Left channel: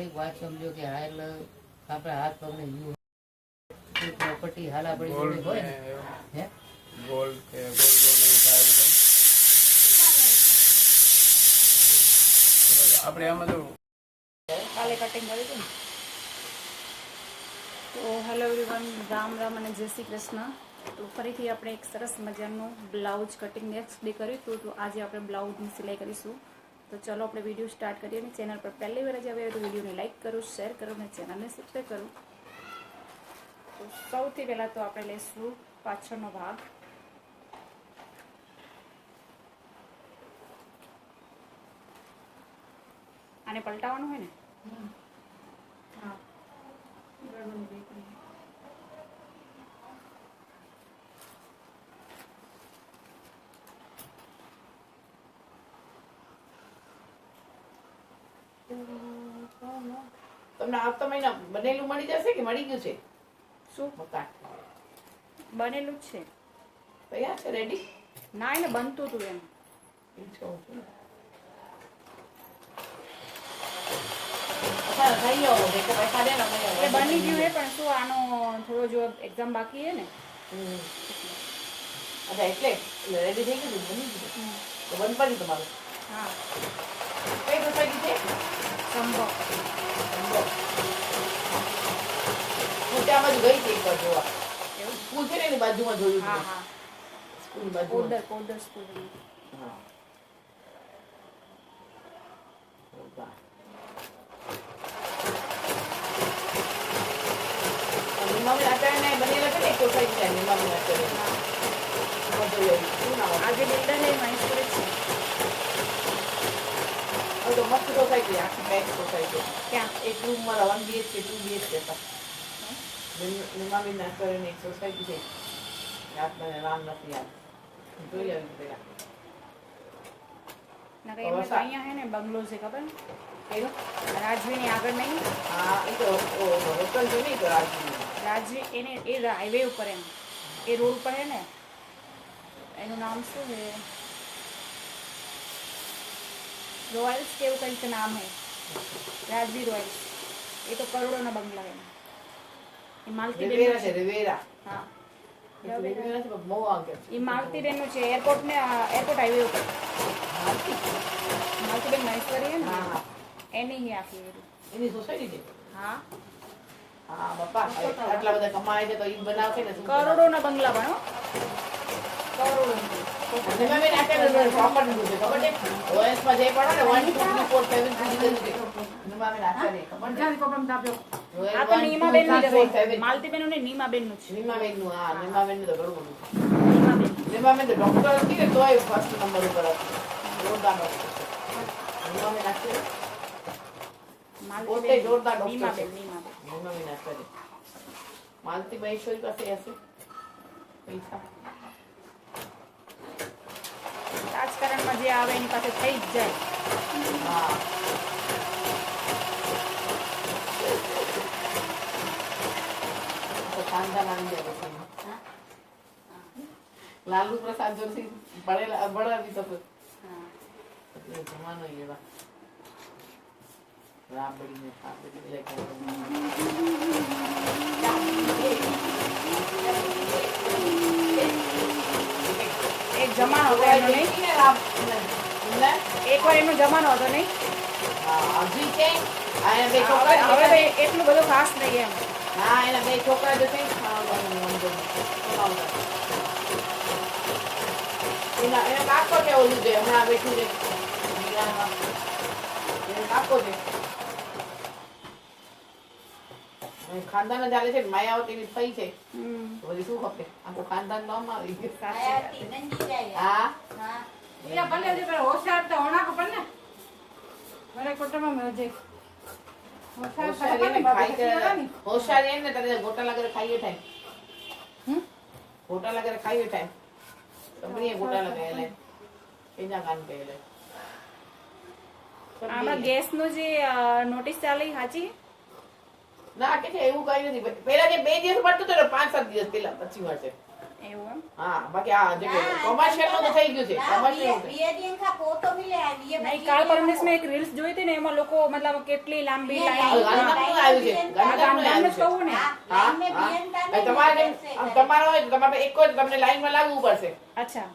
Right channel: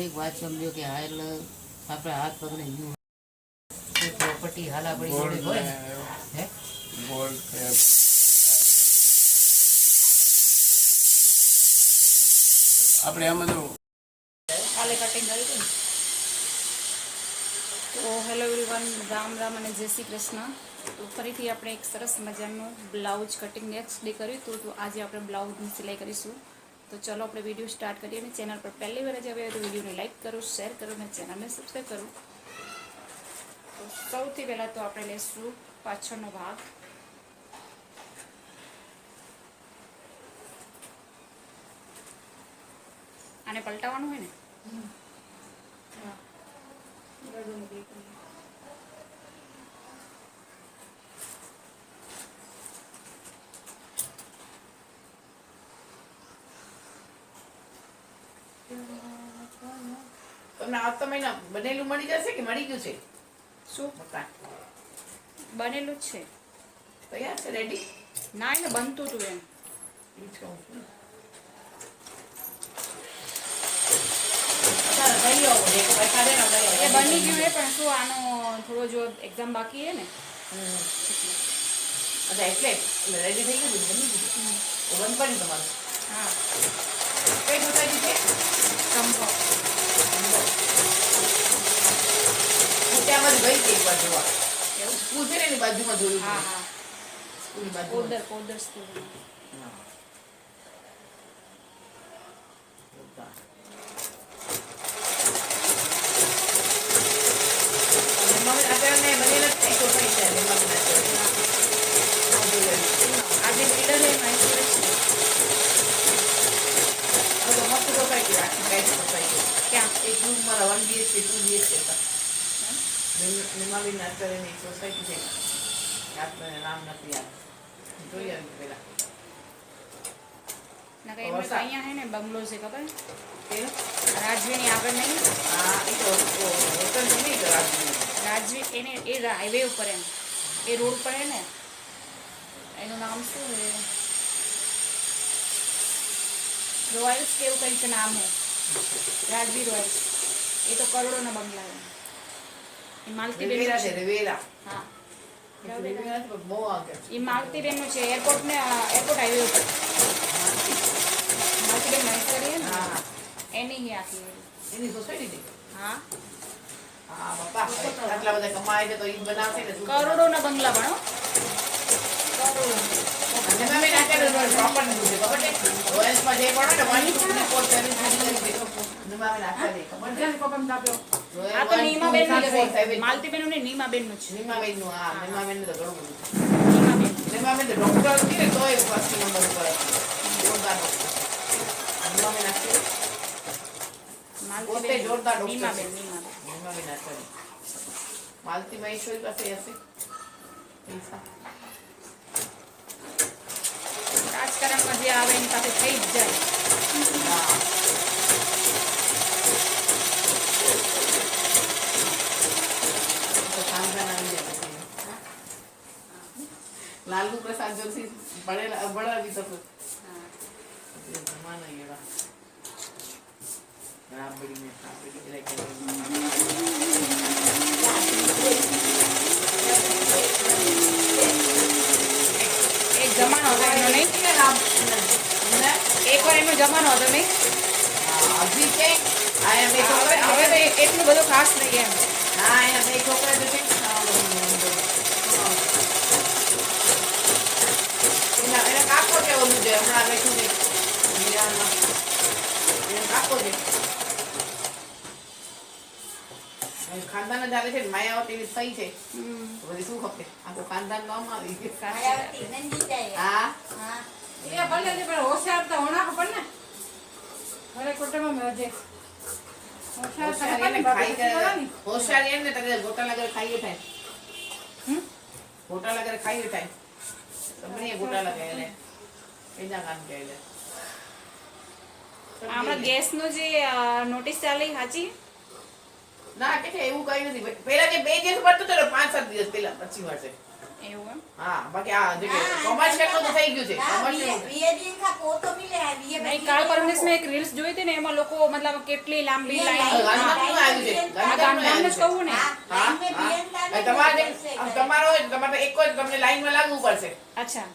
થોડીક વાત સમજો કે હા એટલે આપણે હાથ પગને પ્રોપર્ટી હાલા પડી જોડે હોય ને હે ગોલ્ડ કે ગોલ્ડ આપણે આમાં તો કાલે કટિંગ કર્યું હતું ને. તો હેલો એવરીવન, રામ રામ અને જય શ્રી કૃષ્ણ. તો ફરીથી આપણે એક સરસ મજાનું બ્લાઉઝ કટિંગ નેક્સ્ટ ડે કર્યું હતું. તો આજે આપણે બ્લાઉઝની સિલાઈ કરીશું. તો ચલો આપણે વિડીયો સ્ટાર્ટ કરીએ. અને ચેનલ પર પહેલી વાર જ આવ્યા તો વિડીયોને લાઇક કરો, શેર કરો અને ચેનલને સબસ્ક્રાઈબ કરો. તો સૌથી પહેલાં તો આપણે લઈશું પાછળનો ભાગ. આને પલટાવવાનું હોય ને. તમને આવતા મહિના બનેલું મળી જશે કે મળી ગયું છે? શું મકાન બનેલું જ છે? તૈયાર છે, રેડી? ના, એને બનતું હતું એમ. એ બની ગયું હે, પણ શું આનો થોડો જો એક્ઝામ બાકી હે ને. અચ્છા, એટલે રેડી થઈ ગયું, બની ગયું તો બંધ પડ્યું તમારું? હા. કઈ સોસાયટી છે? કંબો. હું ત્યાં ગઈ હતી એક વાર જોવા. એવું? સ્કૂલ છે ને એની બાજુમાં જોયું. હા હા, સ્કૂલની બાજુમાં. પોદર સ્કૂલ. આજે બિલ્ડર હે મહેશ્વર છે. ક્યાં? એક રૂમ મારા 1 BHK 2 BHK હતા. નિમાબેન નાસ્તરની સોસાયટી છે. યાદ મને નામ નથી યાદ. જોઈ આવ્યું પેલા. ના કઈ એમને અહીંયા હે ને બંગલો છે, ખબર એનો? રાજવીની આગળ નહીં? હા, એ તો હોટલ છે નહીં તો રાજવી. રાજવી એને એ હાઈવે ઉપર એમ એ રોડ પર હે ને. એનું નામ શું છે? રોયલ્સ કે એવું કંઈક નામ હે. રાજવી રોયલ્સ. એ તો કરોડોના બંગલા હે. એ માલતીબેન છે રિવેરા. હા, રિવેરા નથી પણ બહુ આગળ છે. એ માલતીબેનનું છે. એરપોર્ટ હાઈવે ઉપર. માલતીબેન મહેશ્વરી હે ને, હા, એની હી આખી એરી. એની સોસાયટી છે. હા હા બાપા, આટલા બધા કમાય છે તો ઈ બનાવશે ને. કરોડોના બંગલા ભણો. કરોડો. નિમાબેન અત્યારે પ્રોપર્ટી છે ખબર છે? રોયલ્સમાં જે પડે ને 12473 નિમાબેન અત્યારે ખબર છે? આ તો નીમાબેનનું જ છે. માલતીબેનનું ને નીમાબેનનું જ. નિમાબેનનું, હા, નિમાબેનનું તો ઘણું બધું છે. નીમાબેન. નિમાબેન તો ડોક્ટર હતી ને તોય ફર્સ્ટ નંબર ઉપર હતી. જોરદાર ડોક્ટર. નિમાબેન અત્યારે પોતે જોરદાર ડોક્ટર છે. નીમાબેન. નિમાબેન અત્યારે માલતી મહેશ્વરી પાસે હશે પૈસા. રાજકારણમાં જે આવે એની પાસે થઈ જ જાય. હા, તો ખાનદાન આવી જાય પછી. લાલુ પ્રસાદ જોશી બળાવી શકો. જમાના એવા રાબડીને એક જમાનો હતો એમનો, નહીં? એકવાર એમનો જમાનો હતો, નહીં? હજી છે. હવે તો એટલું બધું ખાસ નહીં એમ. હા, એના 2 છોકરા તો છે. એના કાકો છે ઓલું છે હમણાં બેઠું છે મીરામાં. એનો કાકો છે. ખાનદાન જ આવે છે ને. માયાવતી એવી થઈ છે તો બધી શું ખપે? આખું ખાનદાન નો આમ આવી ગયું. હા, હોશિયારી એમ ને તારે ગોટા લાગે ખાઈએ થાય. ગોટા લાગે ખાઈએ થાય. તમને ગોટા લાગે એટલે એના કામ કે એટલે હમણાં ગેસનું જે નોટિસ ચાલી સાચી? ના કે એવું કઈ નથી. પેલા જે 2 દિવસ પડતું હતું ને 5-7 દિવસ પેલા પછી મળશે. એવું એમ હા બાકી આ જે કોમર્શિયલ નું તો થઈ ગયું છે કોમર્શિયલ નહીં કાલ પરમેશ મેં એક રીલ્સ જોઈ હતી ને એમાં લોકો મતલબ કેટલી લાંબી લાઈન આવ્યું છે ગાંધીધામને જ કહું ને તમારે તમારે એક જ તમને લાઈનમાં લાગવું પડશે અચ્છા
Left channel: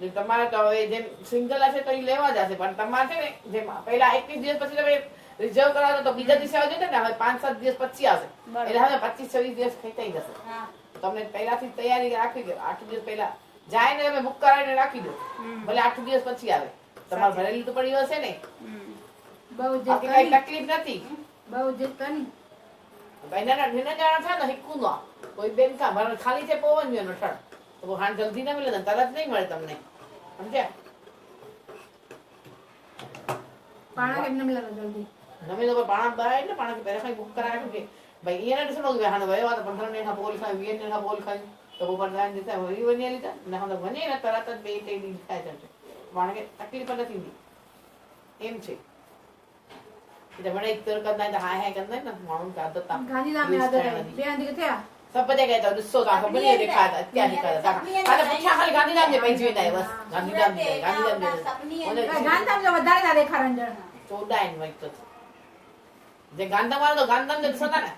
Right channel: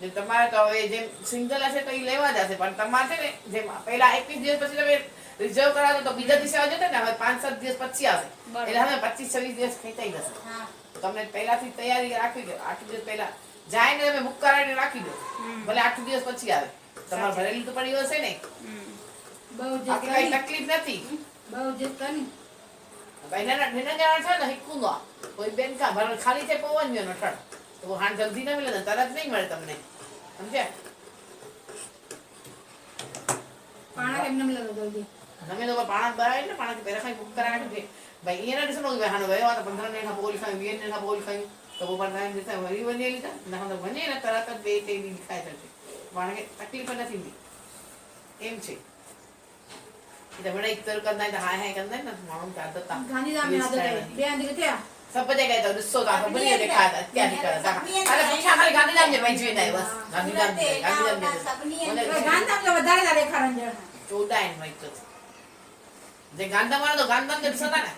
જે તમારે તો હવે જેમ સિંગલ હશે તો એ લેવા જશે પણ તમારે છે ને જેમ પહેલા 21 દિવસ પછી તમે રિઝર્વ કરાવો તો બીજા દિવસે આવજો ને હવે 5-7 દિવસ પછી આવશે એટલે હવે 25-26 દિવસ ખેંચાઈ જશે તમને પહેલાથી તૈયારી રાખી દો 8 દિવસ પહેલા જાય ને તમે બુક કરાવીને રાખી દો ભલે 8 દિવસ પછી આવે તમારે ભરેલી તો પડી હશે ને બાકી કઈ તકલીફ નથી જાણ છે ને હિક્કું નો કોઈ બેન કા ભરણ ખાલી છે પવન નો ઠણ તો હાન જલ્દી ના મળે તરત નહીં મળે તમને સમજ્યા પાણા કેમ ન મળે જલ્દી નમે તો પાણા બાય ને પાણા કે પહેલા કઈ બુક કરાવી દે ભાઈ એને શું કે હાનો ભાઈ વાતો 15 ને ના બોલ ખાઈ 20 ને ના બોલ ખાઈ તો ઉપર નાઈ દેતા વરી બની લીધા ના તો બને ને તરત જ બે તે દી ખાઈ જશે માણે કે તકલીફ નથી એમ છે એટલે મને એક તર કરતા તો હાય કરતા ને માણું કે આદત ગાંધીધામ में आदत है બે આંધી કે ત્યાં सब बजे गए तो दुस्सो का बलिए देखा था क्या निकल था अरे पूछा हमारे गांधीधाम में पहुंच गए बस गांधीधाम में ગાંધીધામ જો વધારે ના દેખાડન 14 इन वही तो जे गांधीधाम वाला तो गांधीधाम में दिसता ना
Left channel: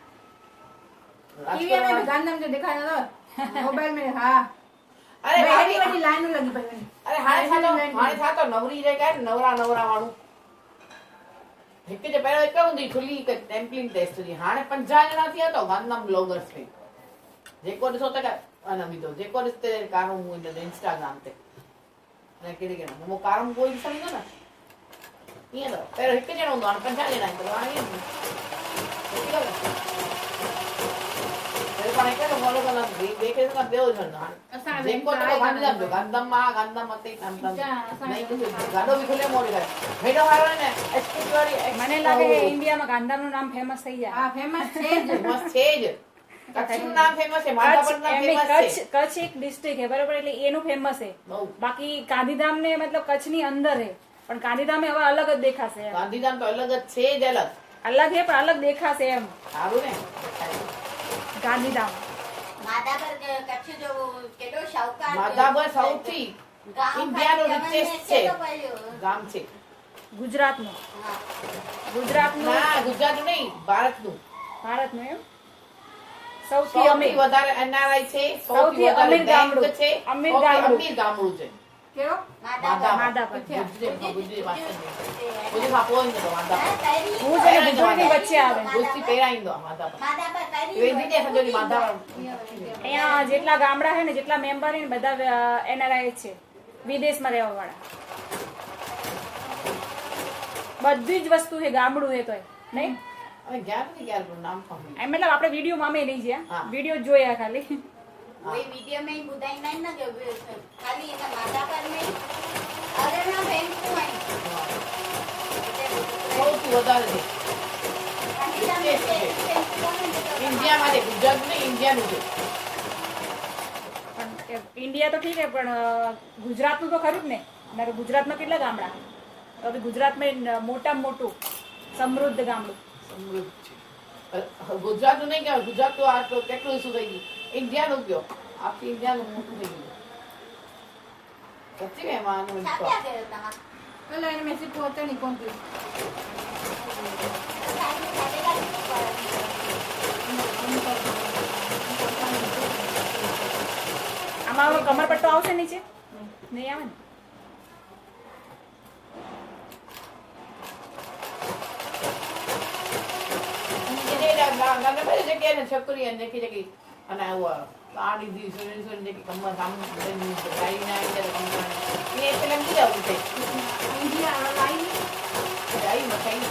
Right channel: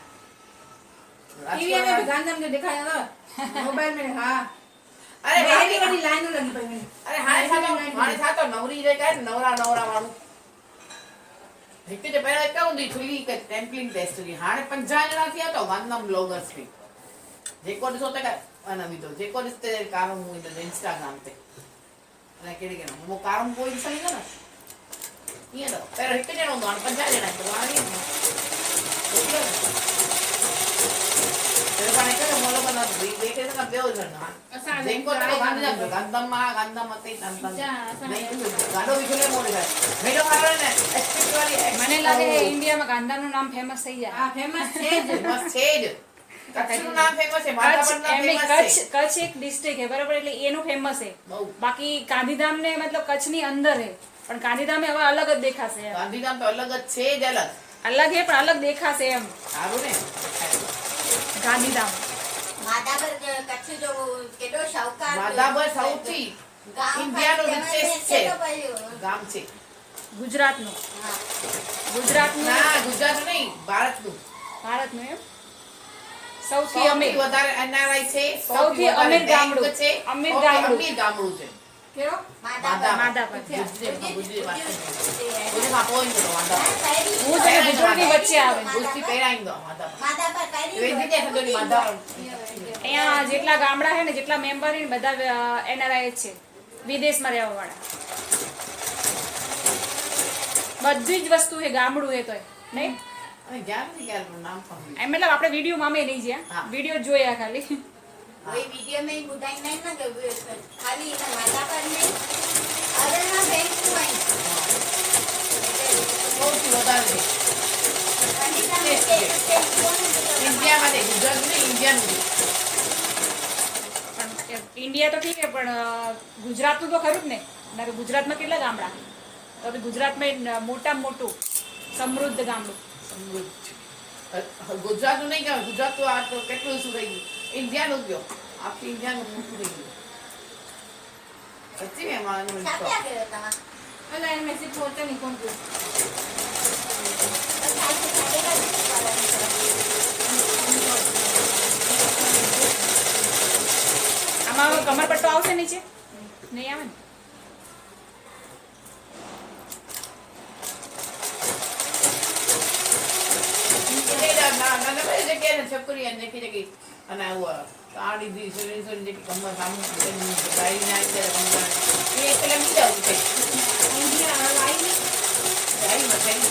टीवी में भी गांधीधाम ने दिखाया था मोबाइल में हां अरे बड़ी बड़ी लाइन लगी पई अरे हाने था तो नवरी रे काय नवरा वाळू हिते जे पहिला एक हुंदी थुली के टेम्पलिंग टेस्ट थी हाने 50 जना थिया तो गांधीधाम ब्लॉगर्स थी जेको ॾिसो त अना विधो जेको ॾिसते कारो मूं इंस्टाग्राम ते अने केड़ी के मो कारो कोई ॾिसई न ईअं त पहिरियों हिकु ॼणो हूंदो हाणे 50 ॼणा आहिनि त हाणे पाण हिकु मोलो कंदा ॿिए खे न ॿियो ॼणो हाणे जेको त गांधीधाम जो गांधीधाम मां गांधीधाम मते नहीं गाडो बि खुले मोड़े मेडो हारे ने एक्सपेक्ट वाली મને લાગે છે ઇન્ડિયામાં ગાંધીધામનું નામ ફેમસ થઈ જાય हां फेमस છે જ કચ્છનું નામ ફેમસ છે કચ્છ એક ડિસ્ટ્રિક્ટ છે બરાબર એટલે એનું ફેમસ છે બાકી ગાંધીધામ ને મતલબ કચ્છની અંદર છે પણ ગાંધીધામ હવે અલગ જ દેખાશે ગાંધીધામ તો અલગ જ છે જ અલગ છે પણ અલગ દેખાશે એમ સારું ને ગાંધીધામ માધાપર કચ્છ જો કેડો શાહુકાર માધાપર સૌથી ઇન્ડિયાનું રિચેસ્ટ છે ગામ છે ગુજરાતનું ના ગુજરાતનું નહીં ભારતનું એમ સૌથી અમીર વધારે એનઆરઆઈ છે સૌથી અમીર ગામડું છે અમીર ગામડું છે કેરો માધાપર ગુજરાતમાં પોઈન્ટ તો માધાપર ભુજ અને ભુજોડની વચ્ચે આવે ભુજથી પહેરાઈ દો માધાપર માધાપર કઈ એ દીજે હદોની માધાપર અહીંયા જેટલા ગામડા છે ને જેટલા મેમ્બર છે ને બધા એનઆરઆઈ છે વિદેશમાં રહેવા વાળા બધી જ વસ્તુ છે ગામડું છે તોય નહીં અને જ્ઞાનથી ક્યારે પણ નામ પણ એમ મતલબ આપણે વિડીયોમાં અમે નહીં જ્યાં વિડીયો જોયા ખાલી કોઈ વિડિયો में बुधाई नहीं ना कि खाली ना माधापर नहीं अरे ना बैंक में સૌથી વધારે ઇન્ડિયામાં ગુજરાતનું ઇન્ડિયાનું છે પણ ઇન્ડિયા તો ઠીક છે પણ ગુજરાતનું તો ખરું જ ને નકર ગુજરાતમાં કેટલા ગામડા તો બી ગુજરાતમાં મોટામાં મોટું સમૃદ્ધ ગામડું ગુજરાતનું નહીં કહેવાય ગુજરાત તો આ તો કેટલું શું થઈ ગયું ઇન્ડિયાનું ગયો આખી ઇન્ડિયાનું મોટું થઈ ગયું સચ્ચી મેં માનું क्या करो तमा પેલા એને મેસેજ પહોંચે નહીં કોણ આમાં કમરપટ્ટો આવશે નીચે નહીં આવે ને છોકરી અને અને કાળી દી સોરી જે કમર સામુ ગાડી ના એ પેલા બીજા ઉઠે ઇન્ડિયા લાઈન ગાડી મથાઈ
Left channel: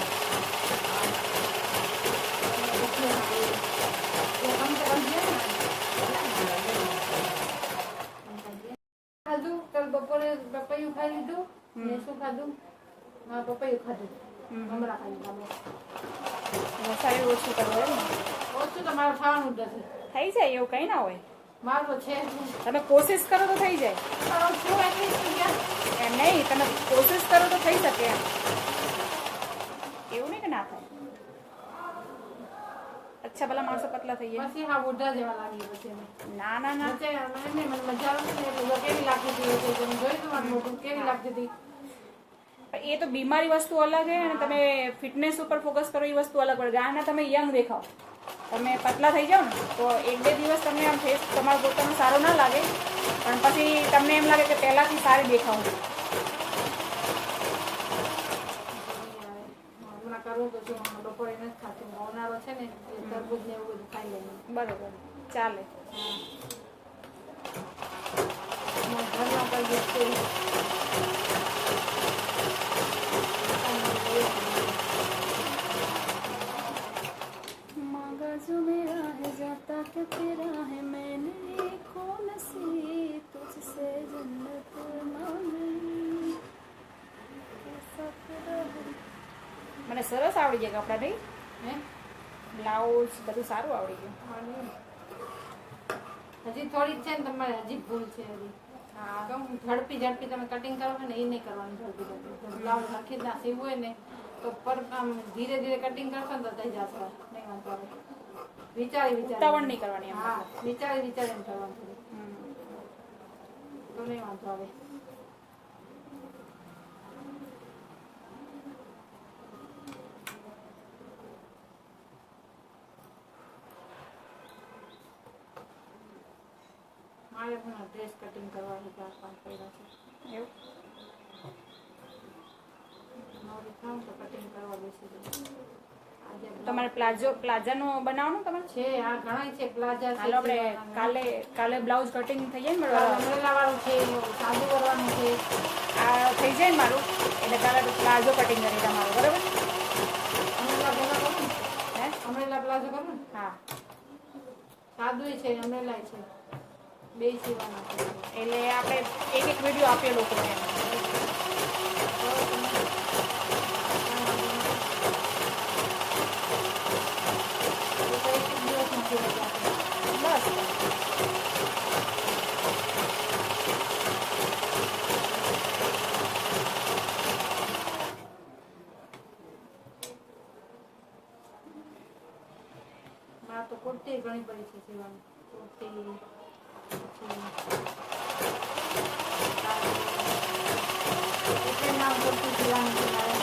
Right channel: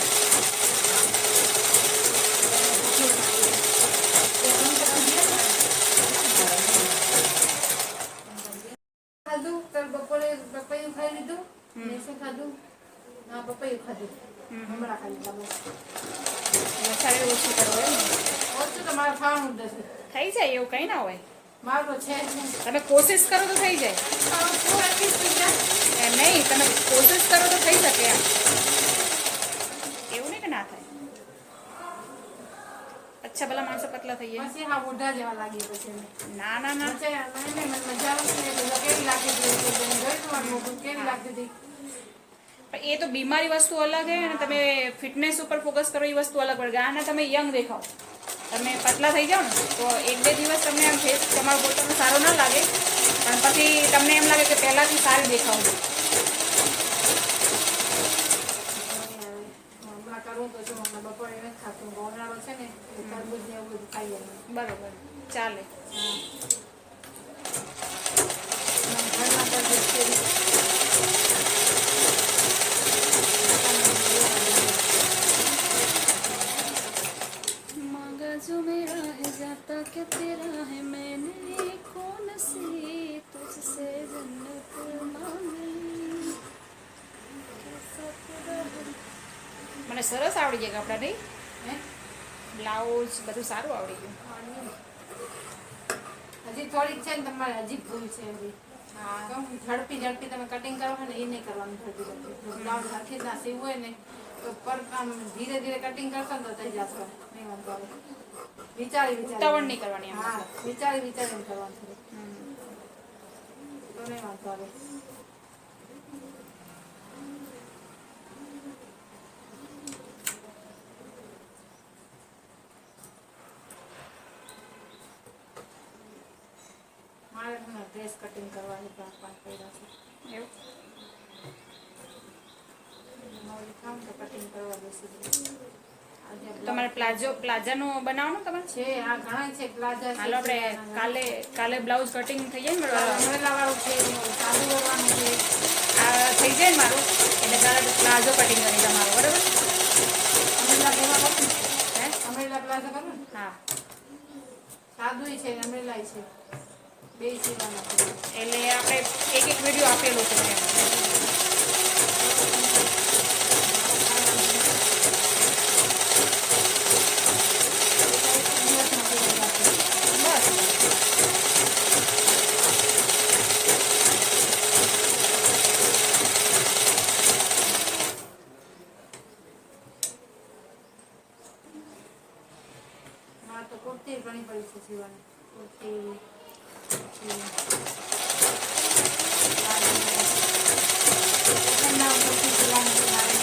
ખાધું કાલ બપોરે પપૈયું ખાઈ લીધું ને શું ખાધું હા પપૈયું ખાધું હમણાં ખાઈ લીધા બસ વધારે ઓછું કરવું એમ ને ઓછું તો મારે ખાવાનું જ નથી થઈ જાય એવું કંઈ ના હોય મારું તો છે જ નહીં તમે કોશિશ કરો તો થઈ જાય શું આપીશ બીજા એમ નહીં તમે કોશિશ કરો તો થઈ શકે એમ એવું નહીં કે ના થાય અચ્છા ભલા માણસો પતલા થઈ ગયા. પછી હા મોઢા જેવા લાગી પછી અમે. ના ના ના, વચ્ચે મને મજા આવે ને એટલે કેવી લાગતી હતી એટલે તમે જોયું હતું મારું મોઢું કેવી લાગતી હતી. પણ એ તો બીમારી વસ્તુ અલગ છે અને તમે ફિટનેસ ઉપર ફોકસ કરો એ વસ્તુ અલગ પડે. આના તમે યંગ દેખાઓ, તમે પતલા થઈ જાઓ ને તો 1-2 દિવસ તમને આમ ફેસ તમારો પોતાનો સારો ના લાગે, પણ પછી તમને એમ લાગે કે પહેલાંથી સારી દેખાવું છું. હમણાં કરવું પછી હમણાં બપોરે નથી ખાતું. ઉનાળો છે ને એટલે તરબૂચ ને એવું બધું ખાઈએ અમે. બરોબર, ચાલે. ઘરના તરબૂચ કેરી. मांगा जो मेरा है जाता क्या तेरा है मैंने कौन सी तुझसे जन्नत मांग ली कैसा खुदा है. મને સરસ આવડી ગયા કપડાં નહીં, હે? બ્લાઉઝ બધું સારું આવડી ગયું. હજી થોડીક છે ને તમારે હજી ભૂલ છે હજી. હા, કેમ ઝડપી તમે કટિંગ કરો છો ને એ નહીં કરવાનું ઝડપી. બ્લાઉઝ હરખી રીતના સીવવું હોય ને તો પર આમ ધીરે ધીરે કટિંગ કરશો ને તો થઈ જશે. નહીં વાંધો આવે. વિચારી ઉતાવળ નહીં કરવાની એમ હા, મતલબ. વિચારીને કરવાનું થોડું. હમ. તો નહીં વાંધો આવે. મારે હમણાં ડ્રેસ કટિંગ કરવાની ક્યાં કામ કર્યા છે. એવું મારે કામ તો કટિંગ કરવા બેસી જવું. આજે તમારે પ્લાઝાનો બનાવવાનું તમારે? છે આ ઘણા છે પ્લાઝા છે. હાલો આપણે કાલે બ્લાઉઝ કટિંગ થઈ જાય ને મારું, અમરેલા વાળું છે, સાદું કરવાનું છે. આ થઈ જાય ને મારું એટલે કાલે પ્લાઝો કટિંગ કરી તમારું, બરાબર? અમરેલા પ્લાઝા કરું ને? હે? અમરેલા પ્લાઝા કરું ને? હા, સાદું છે ને અમરેલા છે. બે સીવાના છે. એટલે આપણે એક વિડીયો આપીએ લોકોને એમ. બસ મારે તો કુર્તી ઘણી પડી છે સીવાની. કુર્તી કુર્તી સીવાની છે મારે.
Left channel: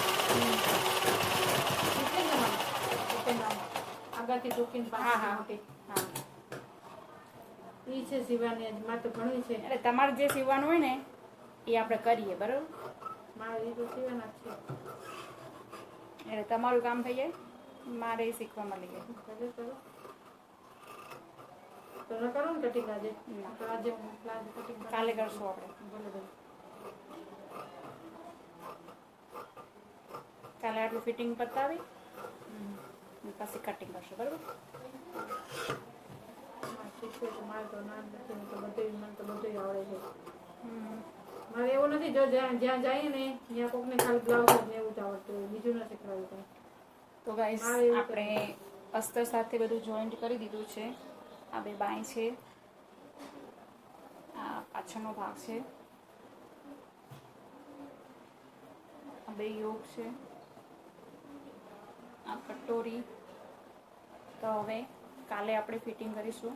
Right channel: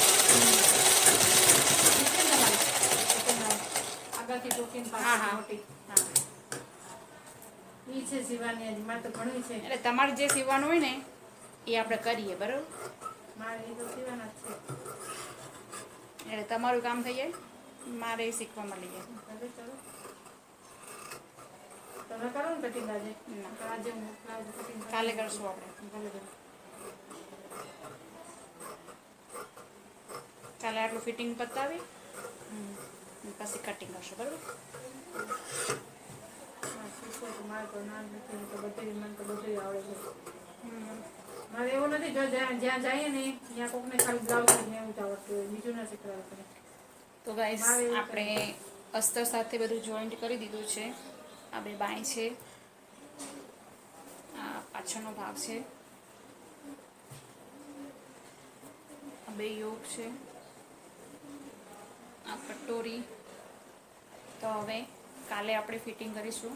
આગળથી ટોકીને હા હા મોટી હા. ઈ છે સીવાની. હજી મારે તો ઘણી છે. એટલે તમારે જે સીવવાનું હોય ને એ આપણે કરીએ, બરાબર? મારે ઈ તો સીવાના જ છે. એટલે તમારું કામ થઈ જાય, મારે એ શીખવા મળી જાય. ભલે ચલો. તમે કરો ને કટિંગ આજે? ના. તો આજે હું કટિંગ કાલે કરશું આપણે. ભલે ભલે. કાલે આટલું ફિટિંગ પતાવી અને પછી કટિંગ કરશું, બરાબર? હા, શીખવું તો મારે તો નામ નથી ને તો બધું મને તો બધું આવડે છે. હમ. મારે એવું નથી જો જ્યાં જઈએ ને ત્યાં કોકને ખાલી બ્લાઉઝ ને એવું જ આવડતું હોય, બીજું ના શીખવાડું તમે. તો ગાઈસ આપણે અસ્તર સાથે બધું જોઈન્ટ કરી દીધું છે. આ બે બાય છે, આ પાછળનો ભાગ છે, આ બે યોગ છે, આ કટોરી. તો હવે કાલે આપણે ફિટિંગ કરીશું.